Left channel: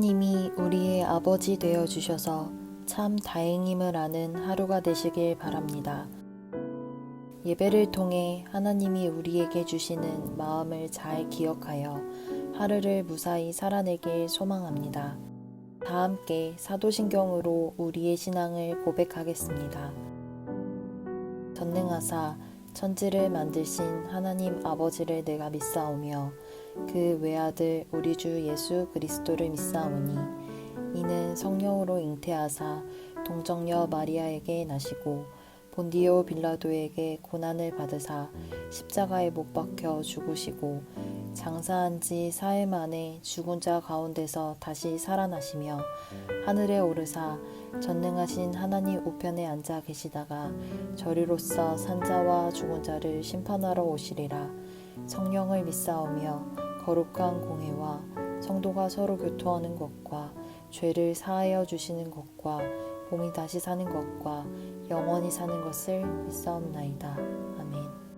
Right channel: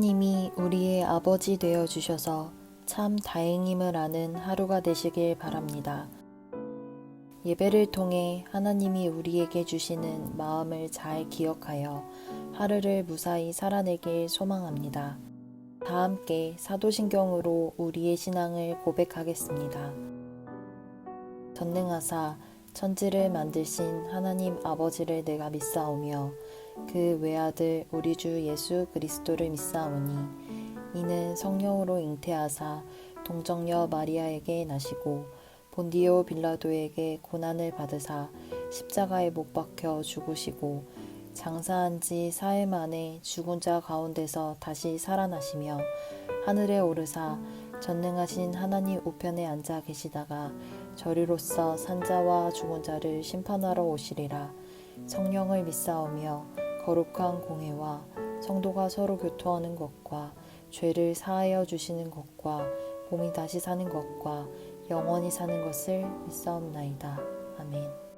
하나님이 우리의 아버지 되어 주셔서 참 다행임을 아는 하루가 되시길 바랍니다. 예배를 통해 하나님이 우리에게 주시는 마음을 잘 기억하여 하루를 무사히 살아내길 소망합니다. 다 함께 사도신경으로 우리의 신앙을 고백하겠습니다. 전능하사 천지를 만드신 하나님 아버지를 내가 믿사오며 그 외아들 우리 주 예수 그리스도를 믿사오니 이는 성령으로 잉태하사 동정녀 마리아에게 나시고 본디오 빌라도에게 고난을 받으사 십자가에 못 박혀 죽으시고 장사한 지 사흘 만에 죽은 자 가운데서 다시 살아나시며 하늘에 오르사 전능하신 하나님 우편에 앉아 계시다가 저리로서 산자와 죽은 자를 심판하러 오시리라. 성령을 믿사오며 거룩한 공회와 성도가 서로 교통하는 것과 죄를 사하여 주시는 것과 몸이 다시 사는 것과 영원히 사는 것을 믿사옵나이다. 아멘.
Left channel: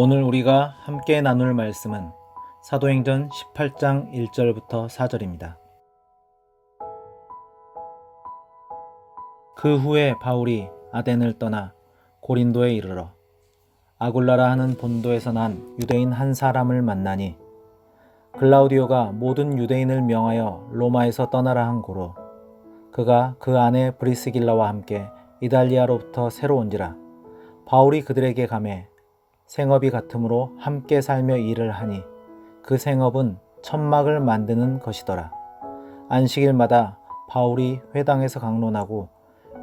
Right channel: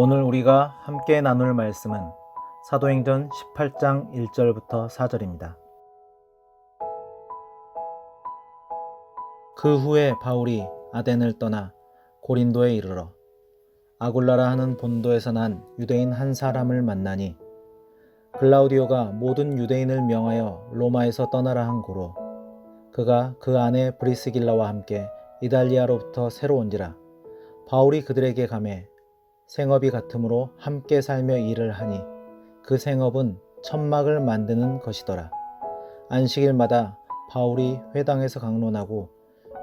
오늘 우리가 함께 나눌 말씀은 사도행전 18장 1절부터 4절입니다. 그 후에 바울이 아덴을 떠나 고린도에 이르러 아굴라라 하는 본도에서 난 유대인 한 사람을 만나니 글라우디오가 모든 유대인을 명하여 로마에서 떠나라 한 고로 그가 그 아내 브리스길라와 함께 이달리아로부터 새로 온지라. 바울이 그들에게 가매 생업이 같으므로 함께 살며 일을 하니 그 생업은 천막을 만드는 것이더라. 안식일마다 바울이 회당에서 강론하고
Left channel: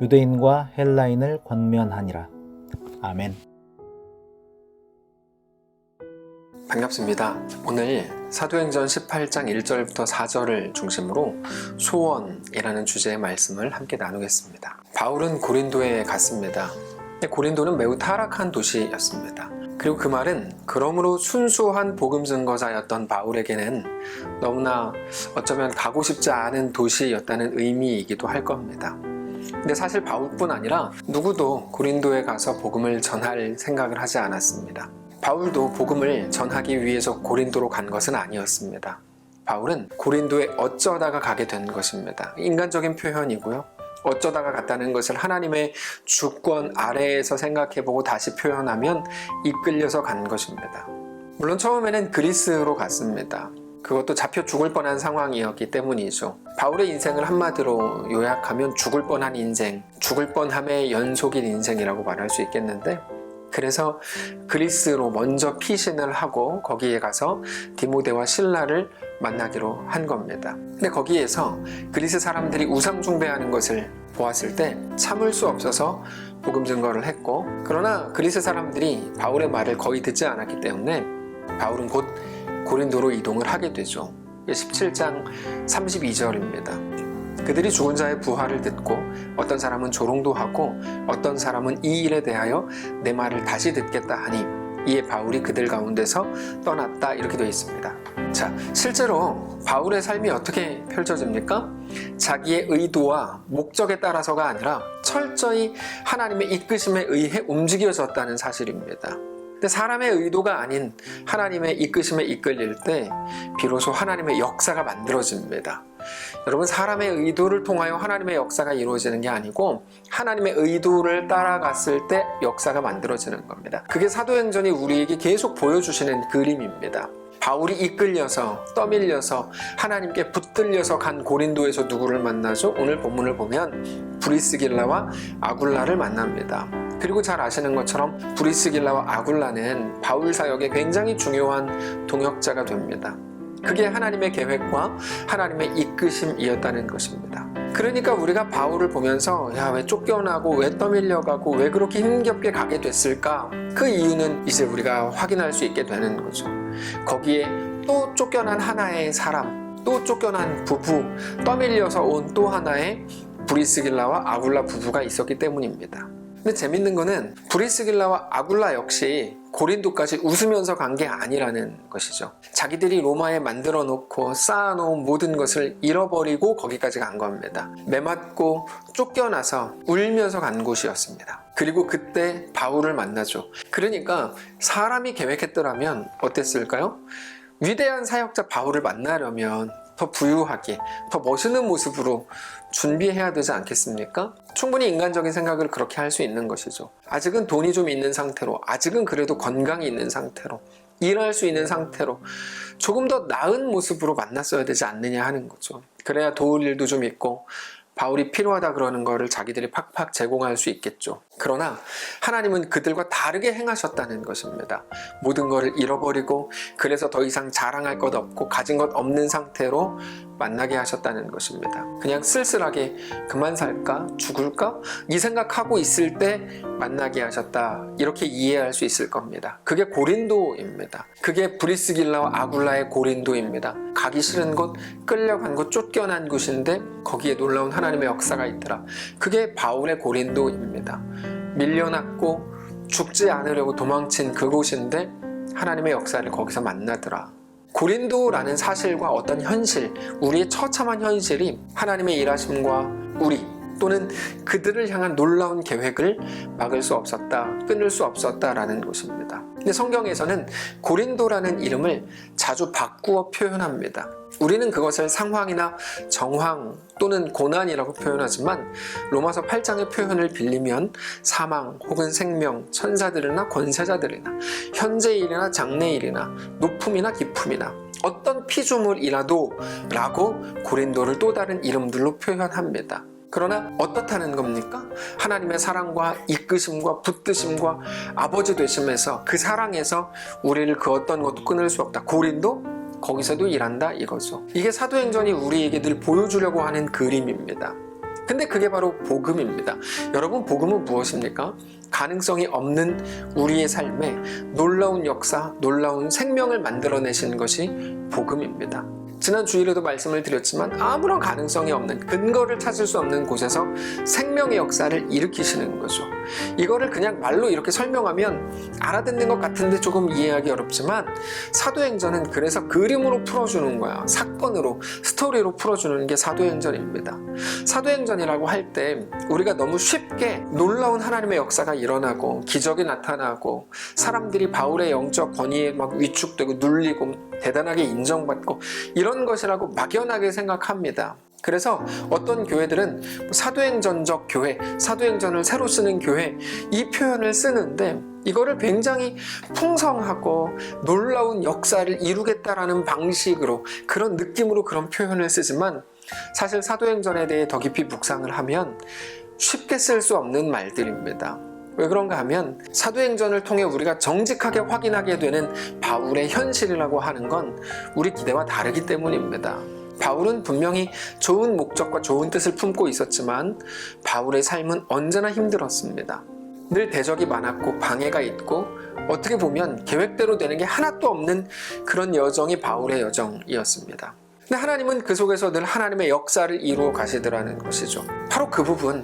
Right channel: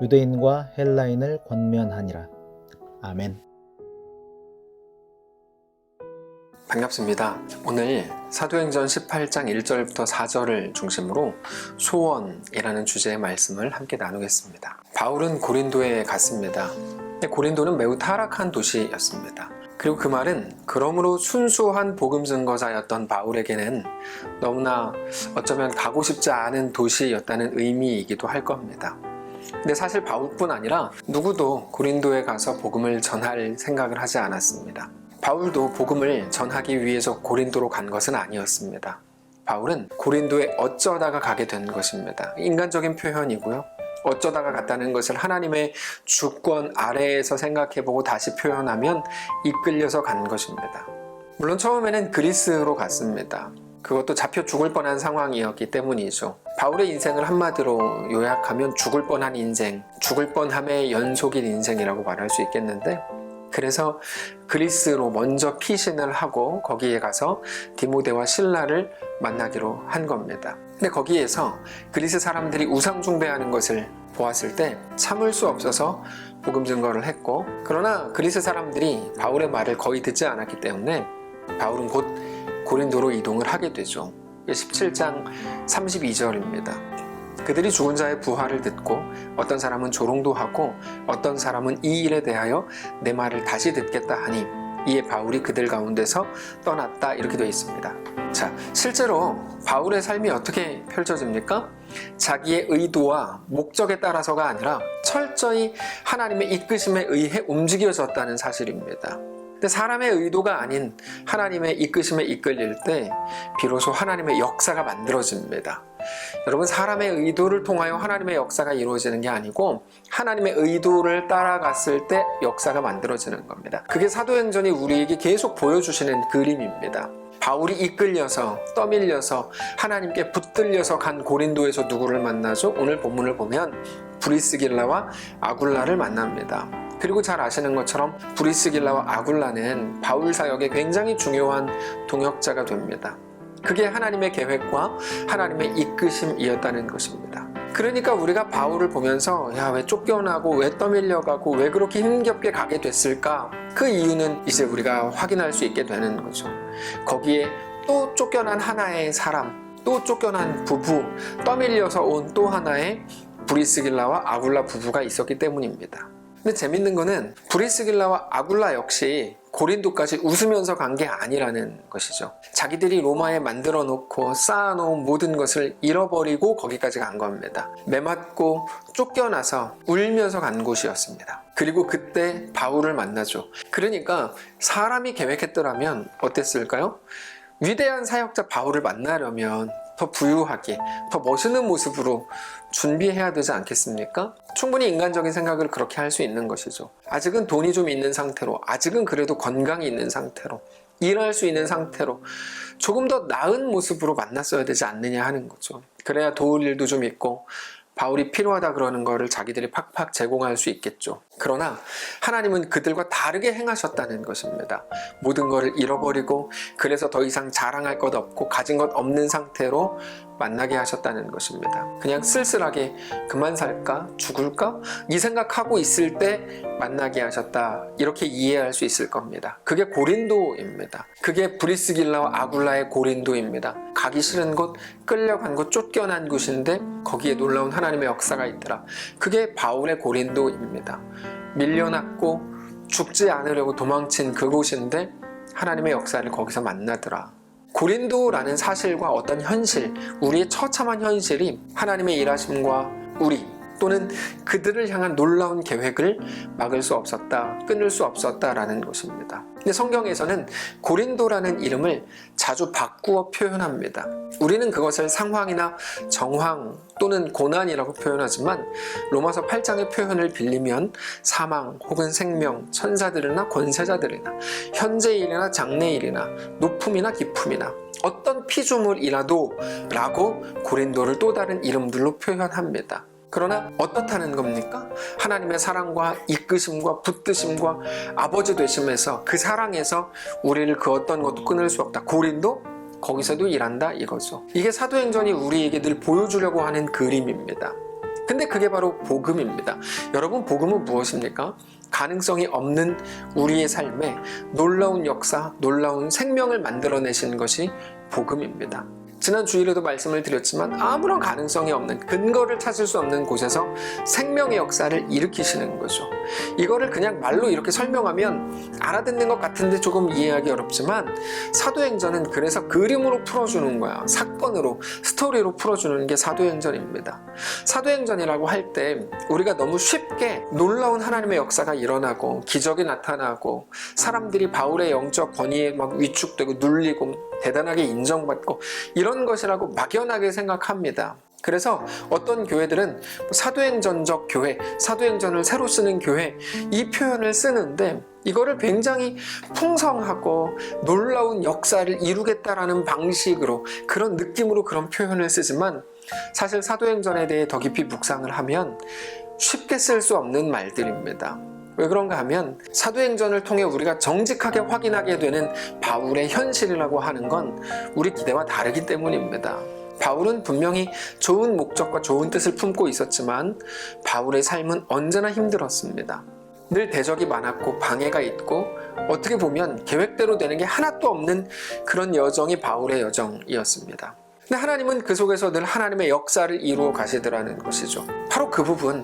유대인과 헬라인을 권면하니라. 아멘. 반갑습니다. 오늘 사도행전 18장 1절부터 4절을 중심으로 소원이라는 주제의 말씀을 함께 나누겠습니다. 바울은 고린도에 갔습니다. 고린도는 매우 타락한 도시였습니다. 그리고 그 말은 그러므로 순수한 복음 증거자였던 바울에게는 너무나 어쩌면 가고 싶지 않은 도시였다는 의미이기도 할 겁니다. 근데 사실 바울뿐 아니라 누구도 고린도에 가서 복음을 전할 생각을 하지 않았습니다. 바울도 복음을 전하기 위해서 고린도로 간 것은 아니었습니다. 바울은 고린도에 어쩌다가 가게 된 것입니다. 인간적인 표현이고요. 어쩌다가 갔다는 것을 하나님의 주권 아래에서 생각해보고 다시 표현하면 이끌려서 간 것입니다. 물론 처음에는 그리스로 갔습니다. 그것도 잡혀 죽을 뻔한 상황이었기 때문이죠. 바울의 인생을 한마디로 요약하면 죽을 뻔한 인생, 죽을 뻔함의 연속인 인생이라고 말할 수 있겠는데, 그래서 그리스로 먼저 피신을 하고 거기에 가서 디모데와 실라를 만나기로 한 겁니다. 근데 거기에서 그리스 사람들이 우상 숭배하는 것을 보았을 때 참을 수 없어서 복음 증거를 했고, 그러나 그리스 사람들이 바울의 말을 거의 듣지 않았기 때문에 바울은 곧 고린도로 이동을 하게 되죠. 17장 32절입니다. 그들이 죽은 자의 부활을 듣고 어떤 사람은 조롱도 하고 어떤 사람은 이 일에 대하여 내 말을 다시 듣겠다 하니 이에 바울이 그들 가운데서 떠났다, 이렇게 되어 있습니다. 자, 실제로 바울의 삶이 어떻게 펼쳐집니까? 자기의 의도와 목적에 따라서가 아니라 철저히 하나님의 이끄심에 의해 움직여졌다는 사실입니다. 근데 사람의 의도가 아닌 하나님의 이끄심에 이끌릴 때 비로소 하나님의 역사가 만들어집니다. 여러분, 사람의 의도를 통하여 하나님의 역사가 이루어지는 게 아니고 하나님의 의도를 따라갔을 때 역사가 만들어지는 겁니다. 그게 사도행전이 우리에게 계속 보여주시는 그림입니다. 바울이 이끌려서 떠밀려서 하나님께 붙들려서 간 고린도에서 누구를 만나죠? 오늘 본문을 보면 브리스길라와 아굴라를 만납니다. 그리고 잘 아시는 것처럼 브리스길라와 아굴라는 바울 사역에 굉장히 중요한 동역자가 됩니다. 그게 하나님의 계획과 하나님의 이끄심이었다는 것입니다. 그러니까 우리가 바울을 보면서 왜 쫓겨나고 왜 떠밀려가고 왜 그렇게 힘겹게 가게 됐을까? 그 이유는 이제 우리가 확인할 수 있게 되는 거죠. 거기에 또 쫓겨난 하나의 사람, 또 쫓겨난 부부, 떠밀려서 온 또 하나의 브리스길라와 아굴라 부부가 있었기 때문입니다. 근데 재밌는 거는 브리스길라와 아굴라 역시 고린도까지 웃으면서 간 게 아니라는 것이죠. 자기들이 로마에 만들어 놓고 쌓아놓은 모든 것을 잃어버리고 거기까지 간 겁니다. 매맞고 쫓겨나서 울면서 간 곳이었습니다. 그리고 그때 바울을 만나죠. 그러니까 사람이 계획했더라면 어땠을까요? 위대한 사역자 바울을 만나려면 더 부유하게, 더 멋있는 모습으로 준비해야 되지 않겠습니까? 충분히 인간적인 생각을 그렇게 할 수 있는 것이죠. 아직은 돈이 좀 있는 상태로, 아직은 그래도 건강이 있는 상태로, 일할 수 있는 상태로 조금 더 나은 모습으로 만났어야 되지 않느냐 하는 거죠. 그래야 도울 일도 좀 있고 바울이 필요하다 그러는 거를 자기들이 팍팍 제공할 수 있겠죠. 그러나 하나님은 그들과 다르게 행하셨다는 것입니다. 모든 것을 잃어버리고 그래서 더 이상 자랑할 것 없고 가진 것 없는 상태로 만나게 하셨다는 것입니다. 그냥 쓸쓸하게 그만 살까? 죽을까? 이 생각하고 있을 때 만나게 하셨다, 이렇게 이해할 수 있을 겁니다. 그게 고린도입니다. 그게 브리스길라와 아굴라의 고린도입니다. 가기 싫은 곳, 끌려간 곳, 쫓겨난 곳인데 거기에 놀라운 하나님의 역사가 있더라. 그게 바울의 고린도입니다. 밀려났고 죽지 않으려고 도망친 그곳인데 하나님의 역사를 거기서 만나더라. 고린도라는 사실과 어떤 현실, 우리의 처참한 현실이 하나님의 일하심과 우리 또는 그들을 향한 놀라운 계획을 막을 수 없었다, 끊을 수 없었다라는 것입니다. 근데 성경에서는 고린도라는 이름을 자주 바꾸어 표현합니다. 우리는 그것을 상황이나 정황 또는 고난이라고 표현하지만 로마서 8장의 표현을 빌리면 사망 혹은 생명, 천사들이나 권세자들이나 현재일이나 장래일이나 높음이나 깊음이나 어떤 피조물이라도 라고 고린도를 또 다른 이름들로 표현합니다. 그러나 어떻다는 겁니까? 하나님의 사랑과 이끄심과 붙드심과 아버지 되심에서 그 사랑에서 우리를 그 어떤 것도 끊을 수 없다. 고린도? 거기서도 일한다, 이거죠. 이게 사도행전이 우리에게 늘 보여주려고 하는 그림입니다. 근데 그게 바로 복음입니다. 여러분, 복음은 무엇입니까? 가능성이 없는 우리의 삶에 놀라운 역사, 놀라운 생명을 만들어내신 것이 복음입니다. 지난 주일에도 말씀을 드렸지만 아무런 가능성이 없는, 근거를 찾을 수 없는 곳에서 생명의 역사를 일으키시는 거죠. 이거를 그냥 말로 이렇게 설명하면 알아듣는 것 같은데 조금 이해하기 어렵지만 사도행전은 그래서 그림으로 풀어주는 거야. 사건으로, 스토리로 풀어주는 게 사도행전입니다. 사도행전이라고 할 때 우리가 너무 쉽게 놀라운 하나님의 역사가 일어나고 기적이 나타나고 사람들이 바울의 영적 권위에 막 위축되고 눌리고 대단하게 인정받고 이런 것이라고 막연하게 생각합니다. 그래서 어떤 교회들은 사도행전적 교회, 사도행전을 새로 쓰는 교회, 이 표현을 쓰는데 이거를 굉장히 풍성하고 놀라운 역사를 이루겠다라는 방식으로, 그런 느낌으로 그런 표현을 쓰지만 사실 사도행전에 대해 더 깊이 묵상을 하면 쉽게 쓸 수 없는 말들입니다. 왜 그런가 하면 사도행전을 통해 우리가 정직하게 확인하게 되는 바울의 현실이라고 하는 건 우리 기대와 다르기 때문입니다. 바울은 분명히 좋은 목적과 좋은 뜻을 품고 있었지만 바울의 삶은 언제나 힘들었습니다. 늘 대적이 많았고 방해가 있고 어떻게 보면 계획대로 되는 게 하나도 없는 그런 여정이 바울의 여정이었습니다. 근데 하나님은 그 속에서 늘 하나님의 역사를 이루어 가시더라는 것이죠. 바로 그 부분,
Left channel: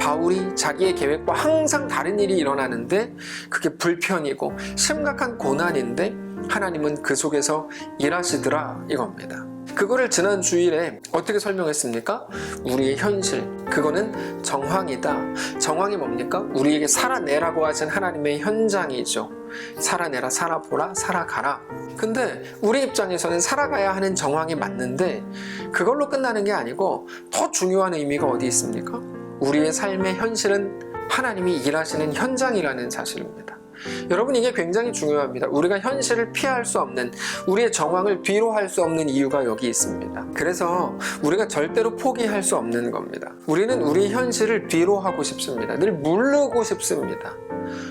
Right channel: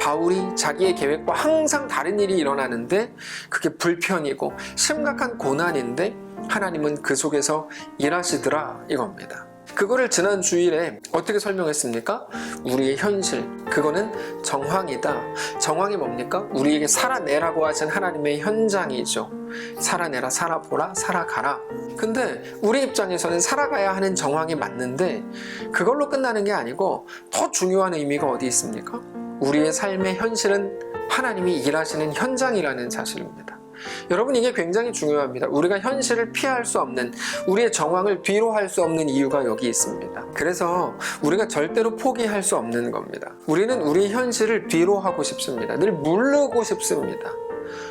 바울이 자기의 계획과 항상 다른 일이 일어나는데 그게 불편이고 심각한 고난인데 하나님은 그 속에서 일하시더라 이겁니다. 그거를 지난 주일에 어떻게 설명했습니까? 우리의 현실, 그거는 정황이다. 정황이 뭡니까? 우리에게 살아내라고 하신 하나님의 현장이죠. 살아내라, 살아보라, 살아가라. 근데 우리 입장에서는 살아가야 하는 정황이 맞는데 그걸로 끝나는 게 아니고 더 중요한 의미가 어디 있습니까? 우리의 삶의 현실은 하나님이 일하시는 현장이라는 사실입니다. 여러분, 이게 굉장히 중요합니다. 우리가 현실을 피할 수 없는, 우리의 정황을 뒤로 할 수 없는 이유가 여기 있습니다. 그래서 우리가 절대로 포기할 수 없는 겁니다. 우리는 우리 현실을 뒤로 하고 싶습니다. 늘 물르고 싶습니다.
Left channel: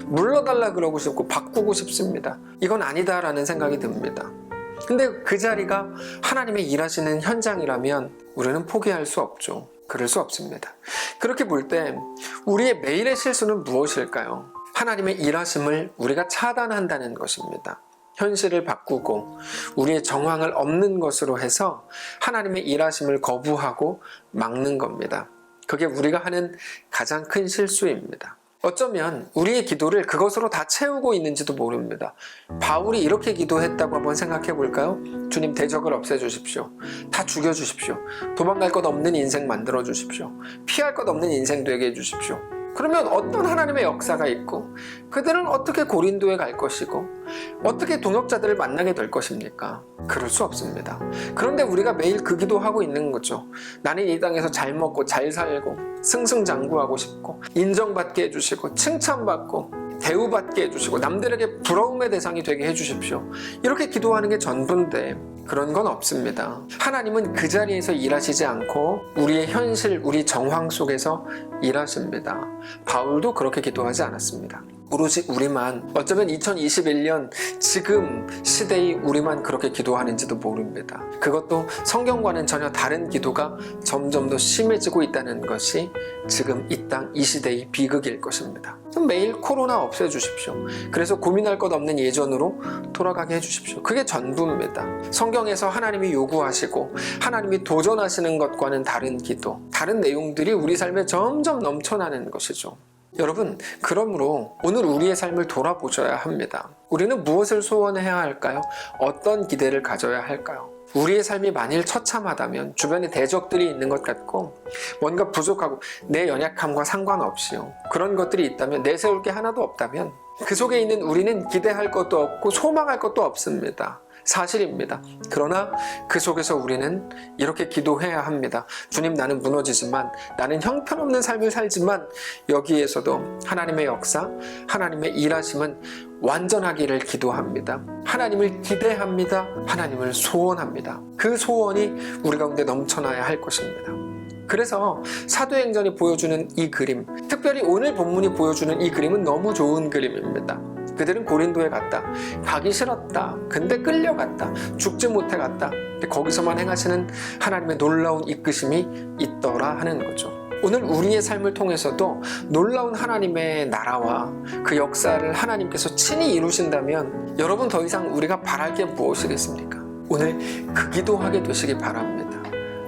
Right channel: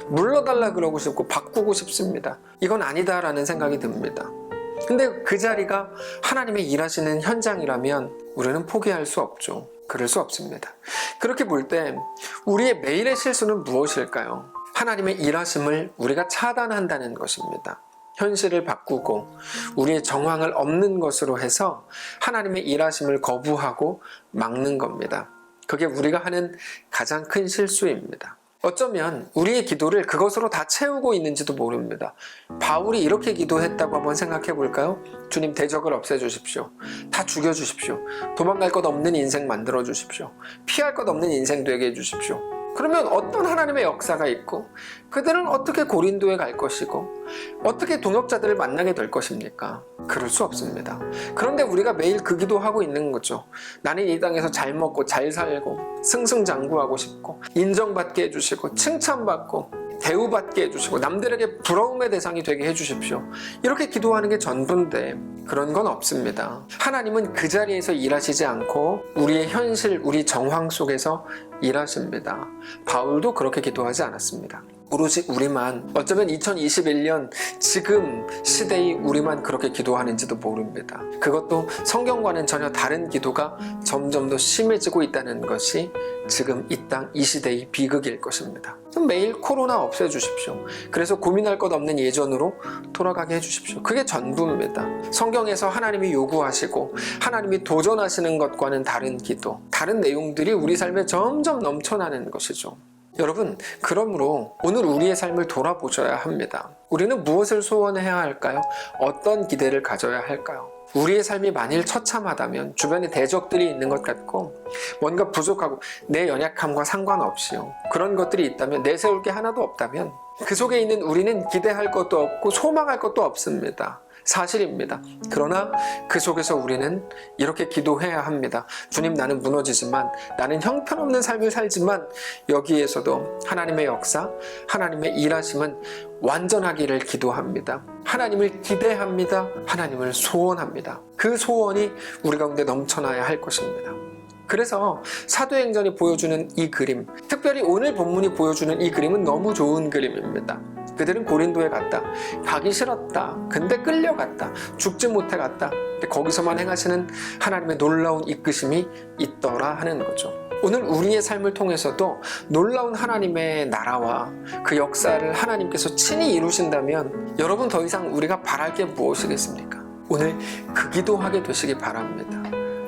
물러달라 그러고 싶고 바꾸고 싶습니다. 이건 아니다라는 생각이 듭니다. 근데 그 자리가 하나님의 일하시는 현장이라면 우리는 포기할 수 없죠. 그럴 수 없습니다. 그렇게 볼 때 우리의 매일의 실수는 무엇일까요? 하나님의 일하심을 우리가 차단한다는 것입니다. 현실을 바꾸고 우리의 정황을 없는 것으로 해서 하나님의 일하심을 거부하고 막는 겁니다. 그게 우리가 하는 가장 큰 실수입니다. 어쩌면 우리의 기도를 그것으로 다 채우고 있는지도 모릅니다. 바울이 이렇게 기도했다고 한번 생각해 볼까요? 주님, 대적을 없애주십시오. 다 죽여주십시오. 도망갈 것 없는 인생 만들어 주십시오. 피할 것 없는 인생 되게 해주십시오. 그러면 어떤 하나님의 역사가 있고 그들은 어떻게 고린도에 갈 것이고 어떻게 동역자들을 만나게 될 것입니까? 그럴 수 없습니다. 그런데 우리가 매일 그 기도하고 있는 거죠. 나는 이 땅에서 잘 먹고 잘 살고 승승장구하고 싶고 인정받게 해주시고 칭찬받고 대우받게 해주시고 남들에게 부러움의 대상이 되게 해주십시오. 이렇게 기도하는 게 전부인데 그런 건 없습니다. 하나님은 그 자리에서 일하시지 않고 우리의 현실, 우리 정황 속에서 일하십니다. 바울도 그렇게 기도하지 않았습니다. 오로지 우리만, 어쩌면 2021년 지금 시대의 우리만 그렇게 기도하는지도 모릅니다. 그것도 성경과는 전혀 다른 기도가 점점 더 심해지고 있다는 것이 지금 이 땅, 이 시대의 비극일 것입니다. 매일 코로나 없애주십시오. 그래서 고민할 것 없는 예전으로 돌아가게 해주십시오. 그게 전부입니다. 성경에서 하나님이 요구하시고 하나님이 도전하시는 것과는 다른 기도, 다른 내용들이 우리 삶에 점점 넘쳐나는 것이죠. 여러분, 그러므로 오늘 우리의 삶을 돌아보셔야 합니다. 우리는 무엇을 소원해야 할까요? 어떤 기대를 가져야 할까요? 우리의 삶이 만일 처참하다면, 주변에 대적들이 있는 것 같고 뭔가 부족하고 내 연약함과 상관없이요, 그런 것들이 있다면, 내세울 게 하나도 없다면 그 속에 있는 우리는 기대할 것도 없고 소망할 것도 없습니다. 사실입니다. 그러나 그 속에서 우리는 이렇게 기도해야 합니다. 주님, 나는 무너지지만, 나는 형편없는 삶을 살지만 여기에서도 하나님의 역사, 하나님의 일하심은 완전하기를 기도합니다. 하나님을 기대합니다. 하나님을 소원합니다. 그 소원이 우리 가운데 넘쳐나야 할 것입니다. 그래서 사도행전이 보여주는 이 그림, 특별히 오늘 본문이 보여주는 이 그림은 너무 좋은 그림입니다. 그들은 고린도에 갔다. 가기 싫었다. 근데 끌려갔다. 죽지 못해 갔다. 근데 거기서만 행하시는 하나님의 놀라운 이끄심이 있더라 하는 거죠. 오늘 우리의 삶을 통해서도 놀라운 하나님의 나라와 그 역사를 하나님께서 친히 이루신다면 여러분, 더 이상 우리가 바랄 게 무엇이겠습니까? 오늘 그 기도하게 되시기 바랍니다.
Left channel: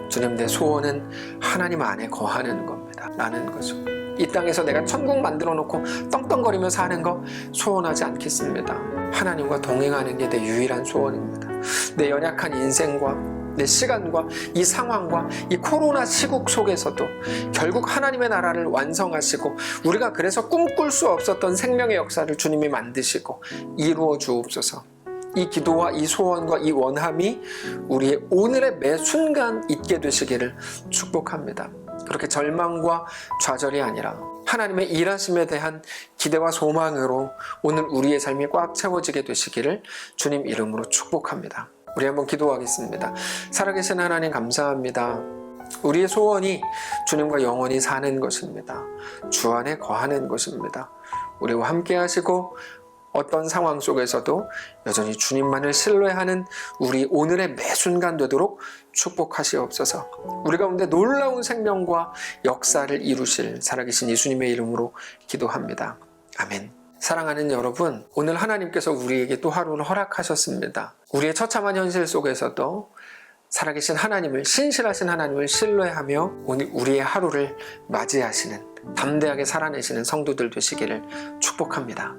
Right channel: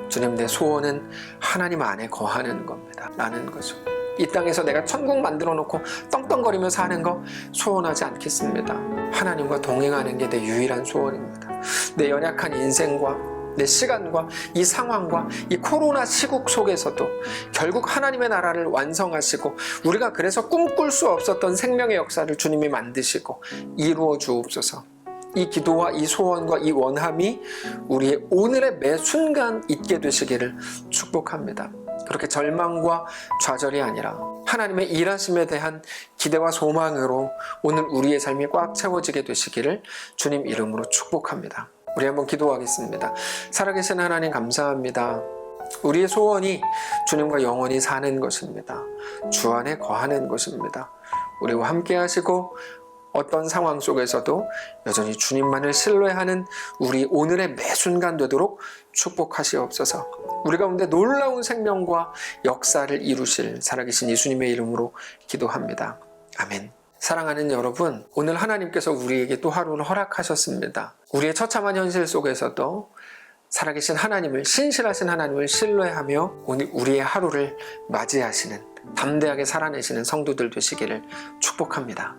주님, 내 소원은 하나님 안에 거하는 겁니다. 라는 거죠. 이 땅에서 내가 천국 만들어 놓고 떵떵거리며 사는 거 소원하지 않겠습니다. 하나님과 동행하는 게 내 유일한 소원입니다. 내 연약한 인생과 내 시간과 이 상황과 이 코로나 시국 속에서도 결국 하나님의 나라를 완성하시고 우리가 그래서 꿈꿀 수 없었던 생명의 역사를 주님이 만드시고 이루어 주옵소서. 이 기도와 이 소원과 이 원함이 우리의 오늘의 매 순간 있게 되시기를 축복합니다. 그렇게 절망과 좌절이 아니라 하나님의 일하심에 대한 기대와 소망으로 오늘 우리의 삶이 꽉 채워지게 되시기를 주님 이름으로 축복합니다. 우리 한번 기도하겠습니다. 살아계신 하나님 감사합니다. 우리의 소원이 주님과 영원히 사는 것입니다. 주 안에 거하는 것입니다. 우리와 함께 하시고 어떤 상황 속에서도 여전히 주님만을 신뢰하는 우리 오늘의 매 순간 되도록 축복하시옵소서. 우리 가운데 놀라운 생명과 역사를 이루실 살아계신 예수님의 이름으로 기도합니다. 아멘. 사랑하는 여러분, 오늘 하나님께서 우리에게 또 하루를 허락하셨습니다. 우리의 처참한 현실 속에서도 살아계신 하나님을, 신실하신 하나님을 신뢰하며 오늘 우리의 하루를 맞이하시는, 담대하게 살아내시는 성도들 되시기를 축복합니다.